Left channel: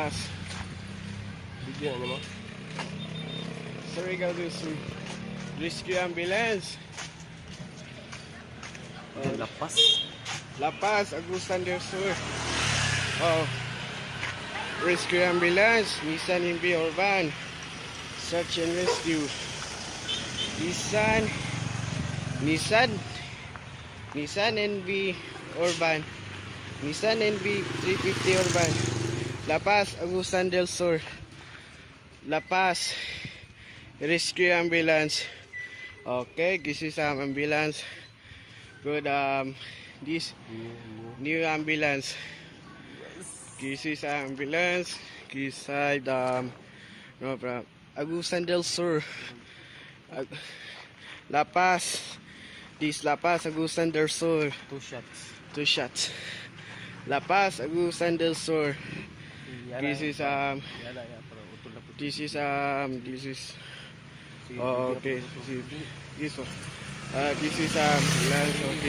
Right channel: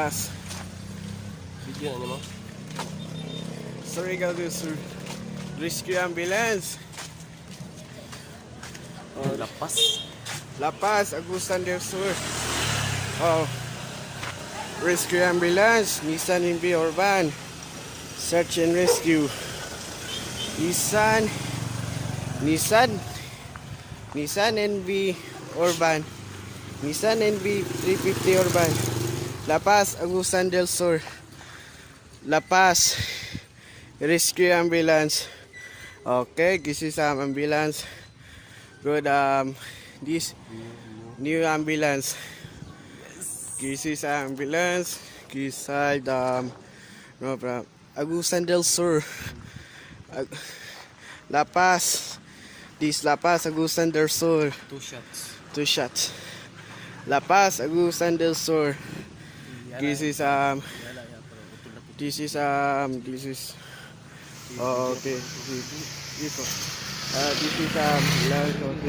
Lapas. Bigyan na mo. Sorry guys, sir. Rescue ambulance. Lapas. Lapas, Agusan del Sur. Oh. Rescue ambulance, Nissan NV Urban. Search and rescue. Nissan NV Urban. Nissan NV 350 Urban. Lapas, Agusan del Sur. Lapas. Rescue ambulance. Okay, this is ambulance. Good, this new ambulance. This is ambulance. This side, no problem. Agusan del Sur. Lapas. This Lapas, Agusan del Sur. 2 shots. 2 shots. Lapas, Agusan del Sur. This is oh, okay. This one. This is ambulance. Okay.